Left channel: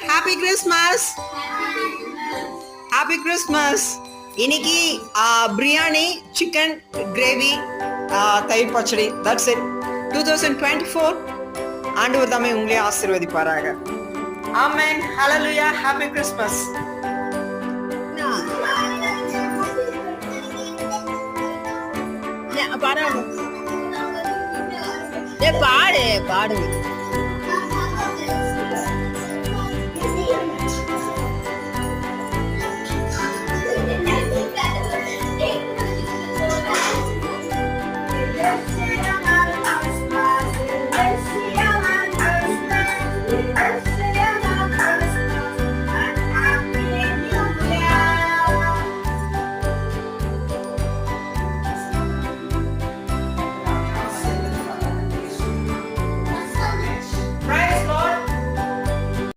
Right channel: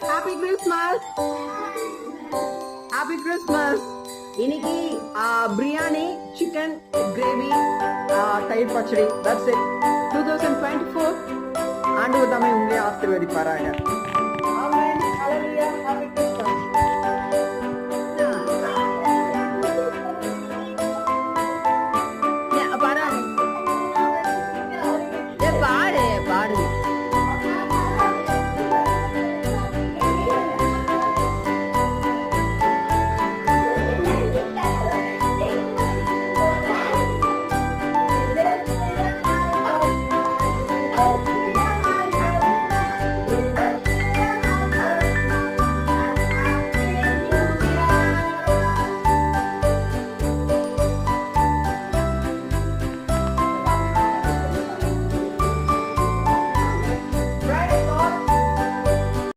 Happy Christmas. Happy Christmas. இன்னைக்கு biryani, chicken gravy, தயிர் பச்சடி. That's it. 2024 ஆண்டவர் தாமே உங்களே ஆசீர்வதிப்பாராக. ஆமென். ஹalleluya. Happy Christmas. பாடு பாடு